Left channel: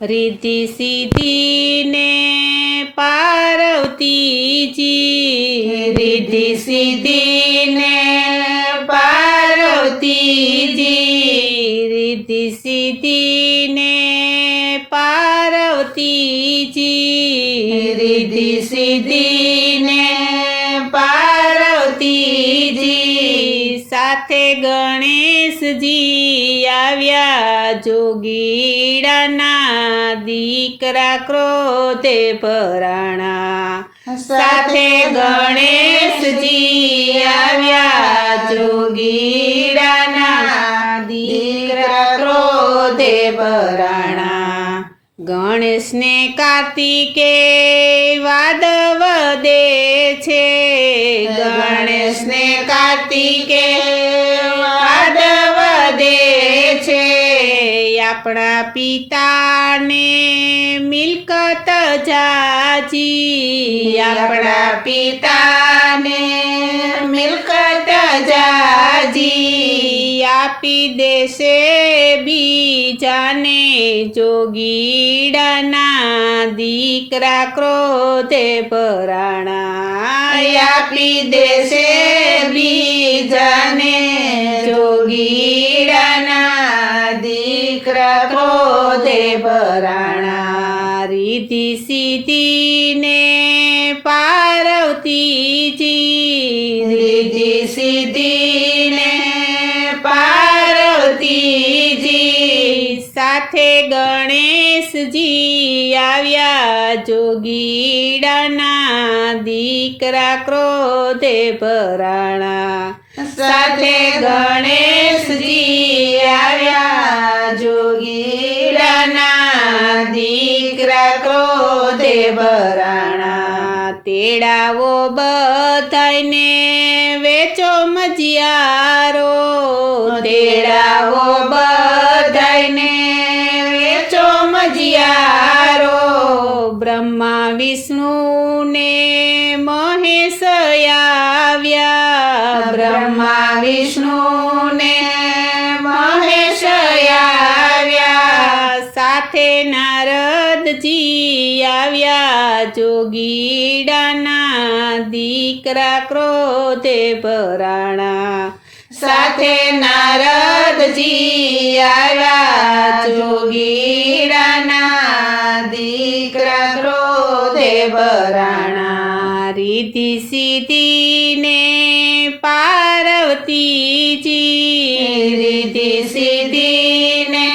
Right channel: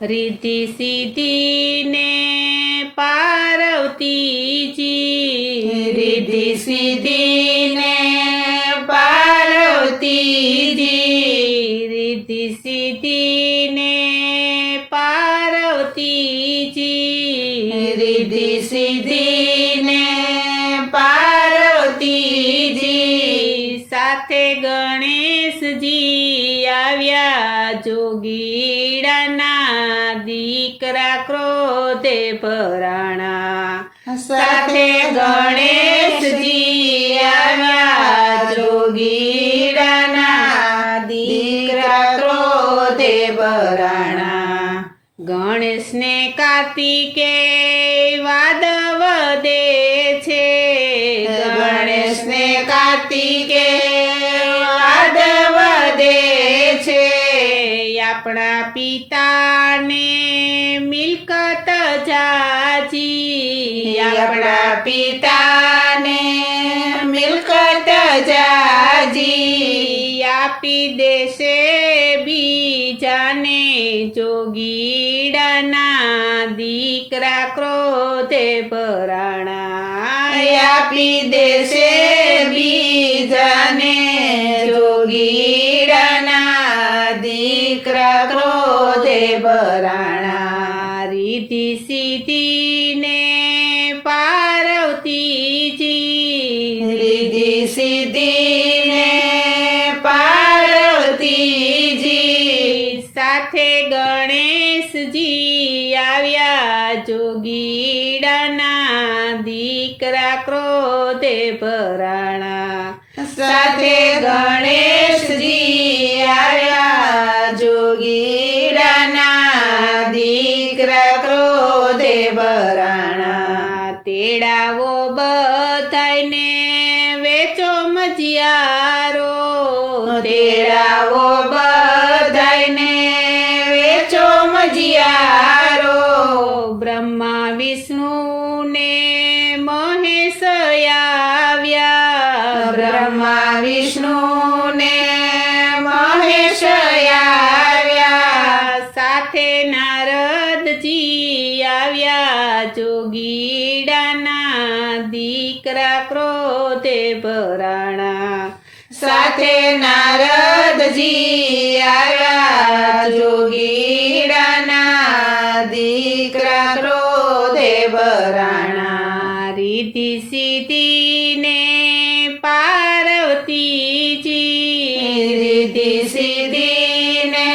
रिद्धि सिद्धि ने पार्वतीजी रिद्धि सिद्धि ने पार्वतीजी रिद्धि सिद्धि ने पार्वतीजी रिद्धि सिद्धि ने पार्वतीजी સાથે ગણેશજી આવ્યા જોગીડાના દીકરા ક્રોધે ભરાણા સાથે ગણેશજી આવ્યા જોગીડાના દીકરા ક્રોધે ભરાણા ગણેશને કાર્તિકે વાદ વધે છે ગણેશને કાર્તિકે વાદ વધે છે આપણા પિતાને મિલકત જાજી આપણા પિતાને મિલકત જાજી આપી દેશે બીજાને જોગીડાના દીકરા ક્રોધે ભરાણા આપી દેશે બીજાને જોગીડાના દીકરા ક્રોધે ભરાણા રીધિ સિદ્ધિને પાર્વતીજી રીધિ સિદ્ધિને પાર્વતીજી સાથે ગણેશજી આવ્યા જોગીડાના દીકરા ક્રોધે ભરાણા સાથે ગણેશજી આવ્યા જોગીડાના દીકરા ક્રોધે ભરાણા તેડાવો બધાને વેચો મજિયારો તેડાવો બધાને વેચો મજિયારો બ્રહ્મા વિષ્ણુ ને મહેશ આવ્યા બ્રહ્મા વિષ્ણુ ને મહેશ આવ્યા સાથે નારદજી આવ્યા જોગીડાના દીકરા ક્રોધે ભરાણા સાથે નારદજી આવ્યા જોગીડાના દીકરા ક્રોધે ભરાણા રીધિ સિદ્ધિને પાર્વતીજી રીધિ સિદ્ધિને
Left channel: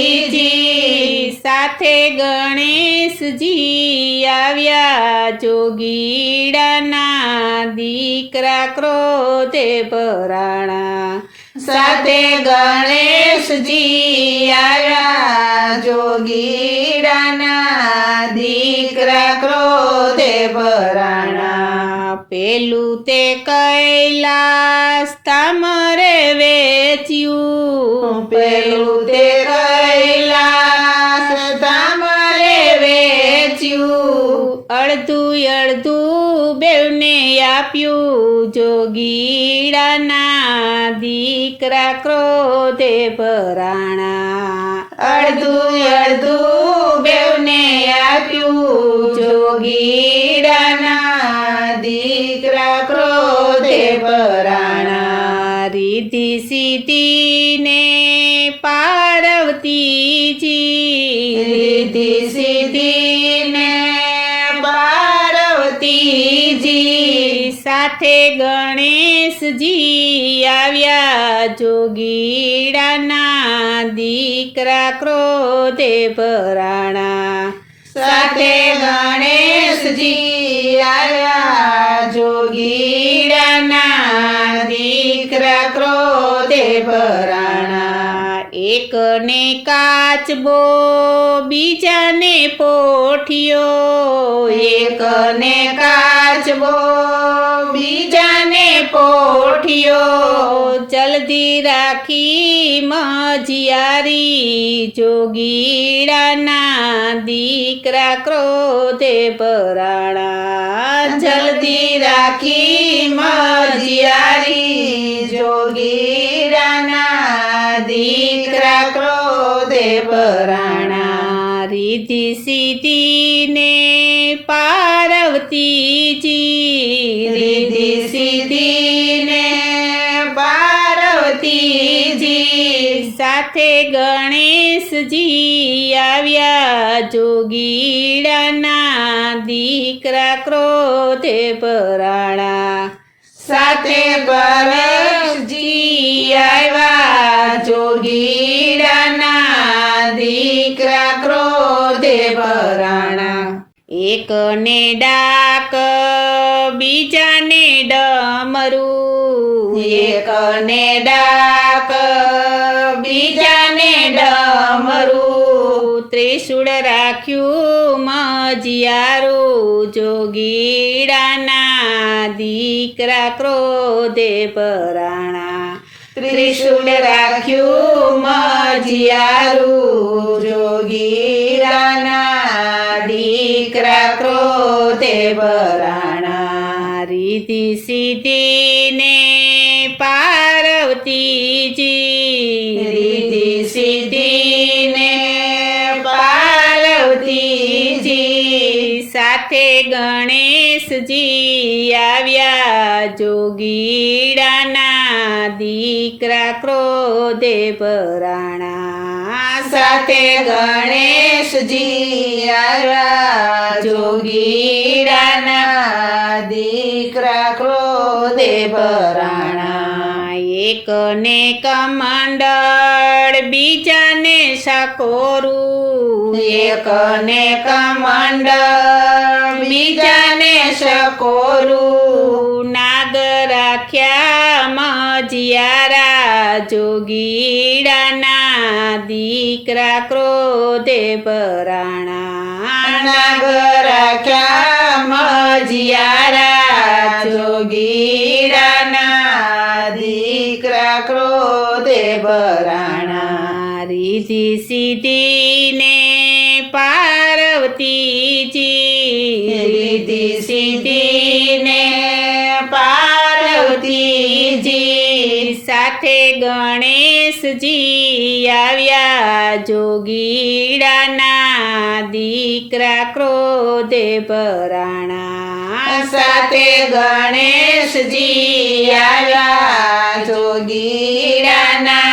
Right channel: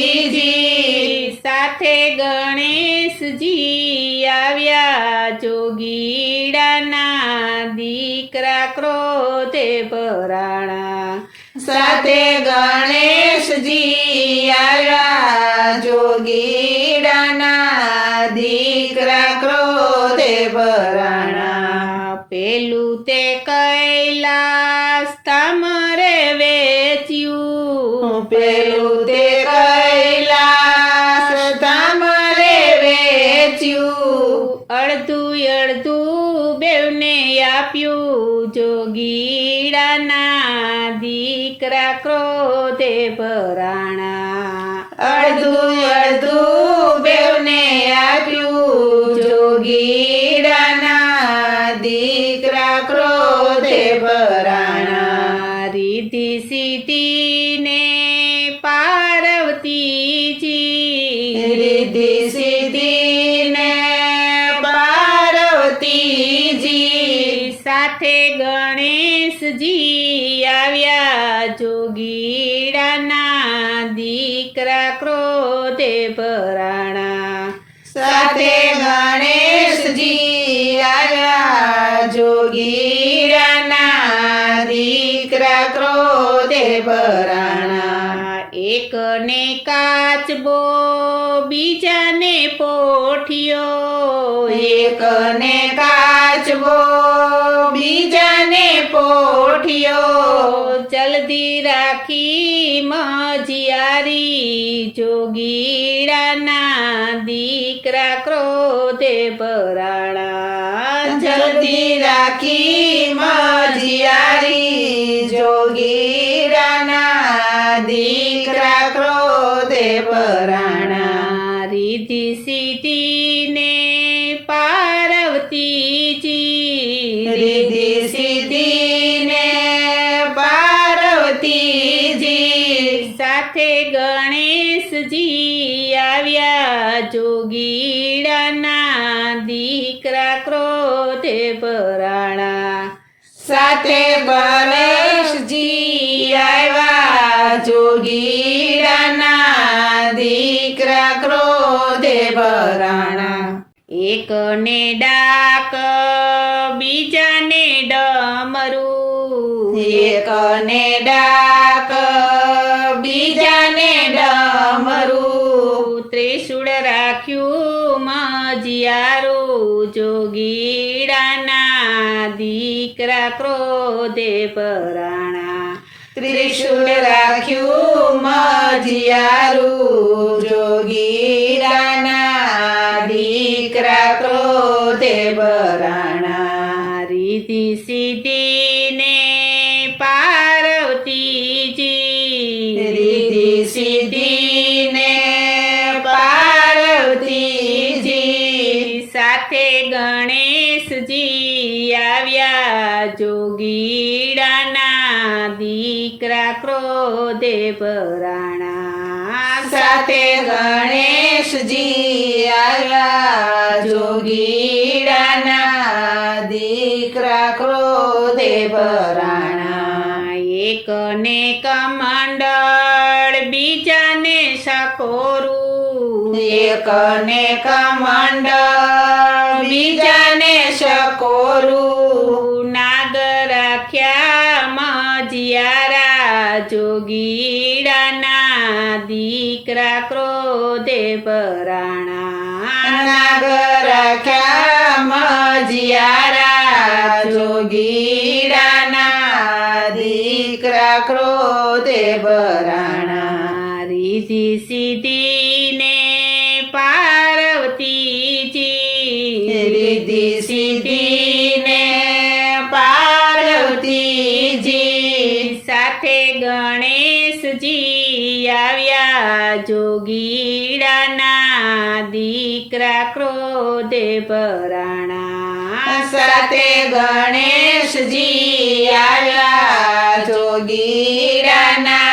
પાર્વતીજી સાથે ગણેશજી આવ્યા જોગીડાના દીકરા ક્રોધે ભરાણા સાથે ગણેશજી આવ્યા જોગીડાના દીકરા ક્રોધે ભરાણા પેલું તે કૈલાસ તામરે વેચ્યું પેલું તે કૈલાસ તામરે વેચ્યું અડધું અડધું બેવને આપ્યું જોગીડાના દીકરા ક્રોધે ભરાણા અડધું અડધું બેવને આપ્યું જોગીડાના દીકરા ક્રોધે ભરાણા રીધિ સિદ્ધિને પાર્વતીજી રીધિ સિદ્ધિને પાર્વતીજી સાથે ગણેશજી આવ્યા જોગીડાના દીકરા ક્રોધે ભરાણા સાથે ગણેશજી આવ્યા જોગીડાના દીકરા ક્રોધે ભરાણા એકને કાચબો બીજાને પોઠિયો એકને કાચબો બીજાને પોઠિયો જલ્દી રાખી મજિયારી જોગીડાના દીકરા ક્રોધે ભરાણા જલ્દી રાખી મજિયારી જોગીડાના દીકરા ક્રોધે ભરાણા રીધિ સિદ્ધિને પાર્વતીજી રીધિ સિદ્ધિને પાર્વતીજી સાથે ગણેશજી આવ્યા જોગીડાના દીકરા ક્રોધે ભરાણા સાથે ગણેશજી આવ્યા જોગીડાના દીકરા ક્રોધે ભરાણા એકને ડાક બીજાને ડમરું એકને ડાક બીજાને ડમરું ત્રિશૂળ રાખ્યું મજિયારું જોગીડાના દીકરા ક્રોધે ભરાણા ત્રિશૂળ રાખ્યું મજિયારું જોગીરાના દીકરા ક્રોધે ભરાણા રીધિ સિદ્ધિને પાર્વતીજી રીધિ સિદ્ધિને પાર્વતીજી સાથે ગણેશજી આવ્યા જોગીડાના દીકરા ક્રોધે ભરાણા સાથે ગણેશજી આવ્યા જોગીરાના દીકરા ક્રોધે ભરાણા એકને કમંડળ બીજાને સાકોરું એકને કમંડળ બીજાને શકોરું નાગ રાખ્યા મજિયારા જોગીડાના દીકરા ક્રોધે ભરાણા નાગ રાખ્યા મજિયારા જોગીરાના દીકરા ક્રોધે ભરાણા રીધિ સિદ્ધિને પાર્વતીજી રીધિ સિદ્ધિને પાર્વતીજી સાથે ગણેશજી આવ્યા જોગીડાના દીકરા ક્રોધે ભરાણા સાથે ગણેશજી આવ્યા જોગીરાના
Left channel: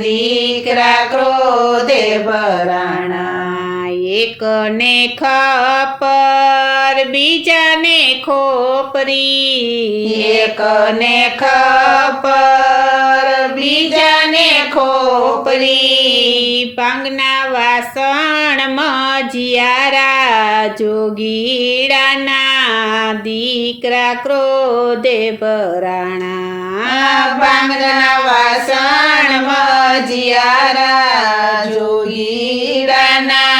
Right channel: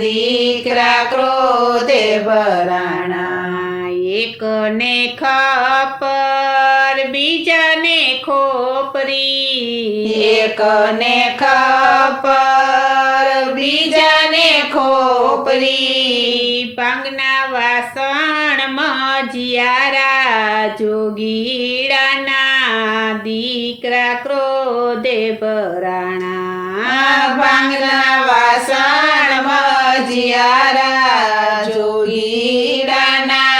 દીકરા ક્રોધે ભરાણા એકને ખપર બીજાને ખોપરી એકને ખપર બીજાને ખોપરી પાંગના વાસણ મજિયારા જોગીડાના દીકરા ક્રોધે ભરાણા બાંગના વાસણ મજિયારા જોગીરાના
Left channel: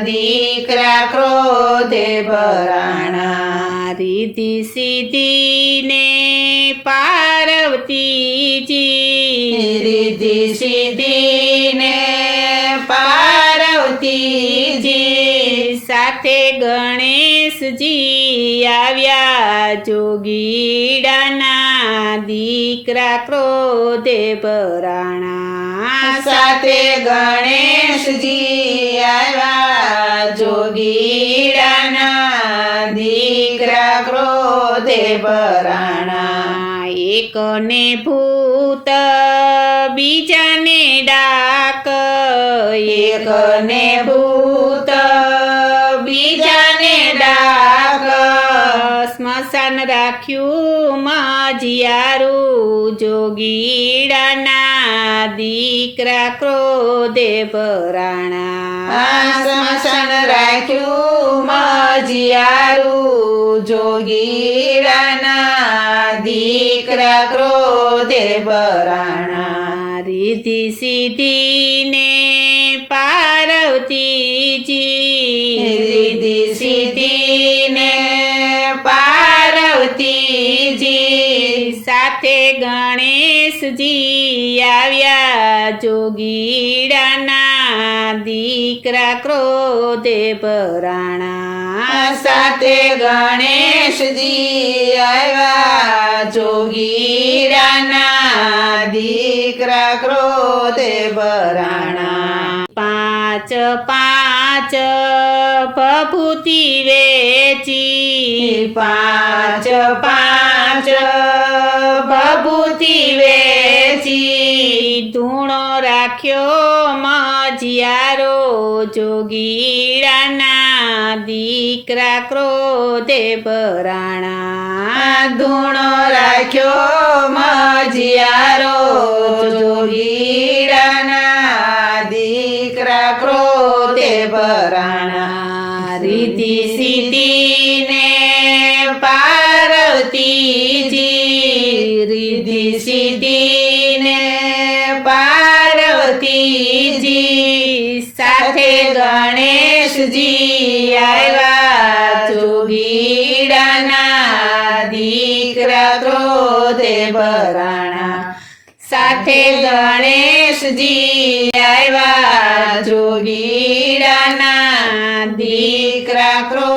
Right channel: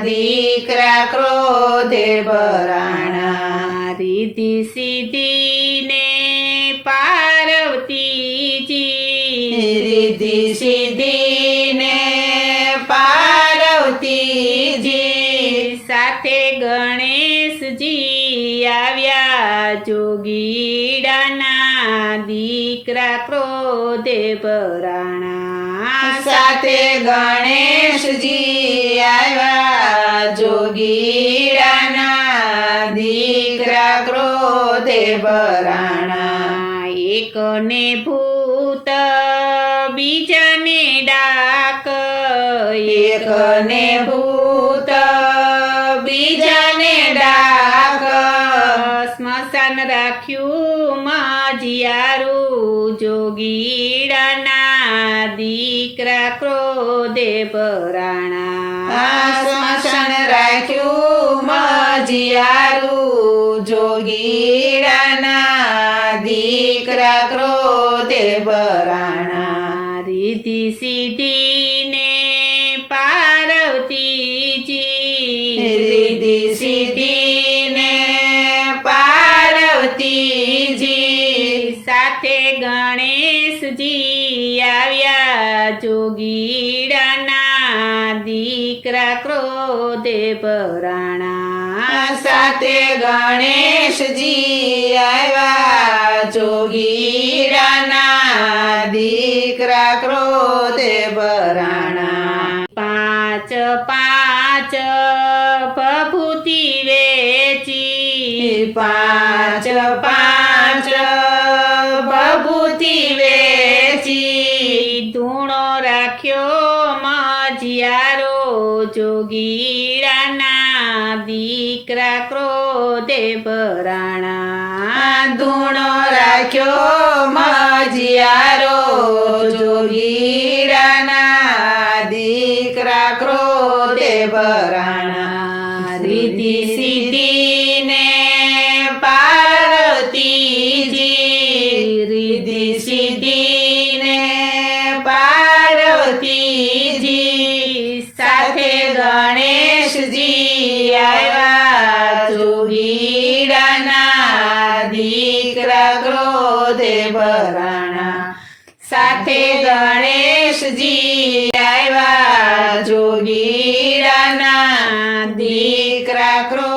દીકરા ક્રોધે ભરાણા રીધિ સિદ્ધિને પાર્વતીજી રીધિ સિદ્ધિને પાર્વતીજી સાથે ગણેશજી આવ્યા જોગીડાના દીકરા ક્રોધે ભરાણા સાથે ગણેશજી આવ્યા જોગીરાના દીકરા ક્રોધે ભરાણા એકને ભૂત બીજાને ડાક એકને ભૂત બીજાને ડાક સ્મશાન રાખ્યું મજિયારું જોગીડાના દીકરા ક્રોધે ભરાણા સ્મશાન રાખ્યું મજિયારું જોગીરાના દીકરા ક્રોધે ભરાણા રીધિ સિદ્ધિને પાર્વતીજી રીધિ સિદ્ધિને પાર્વતીજી સાથે ગણેશજી આવ્યા જોગીડાના દીકરા ક્રોધે ભરાણા સાથે ગણેશજી આવ્યા જોગીરાના દીકરા ક્રોધે ભરાણા ભભૂતિ વેચી પાંચ પાંચ ભભૂતિ વેચી ધૂણો રાખ્યો મજિયારો જોગીડાના દીકરા ક્રોધે ભરાણા ધૂણો રાખ્યો મજિયારો જોગીડાના દીકરા ક્રોધે ભરાણા રીતિ સીધીને પાર્વતીજી રીતિ સીધીને પાર્વતીજી સાથે ગણેશજી આવ્યા જોગીડાના દીકરા ક્રોધે ભરાણા સાથે ગણેશજી આવ્યા જોગીડાના દીકરા ક્રોધે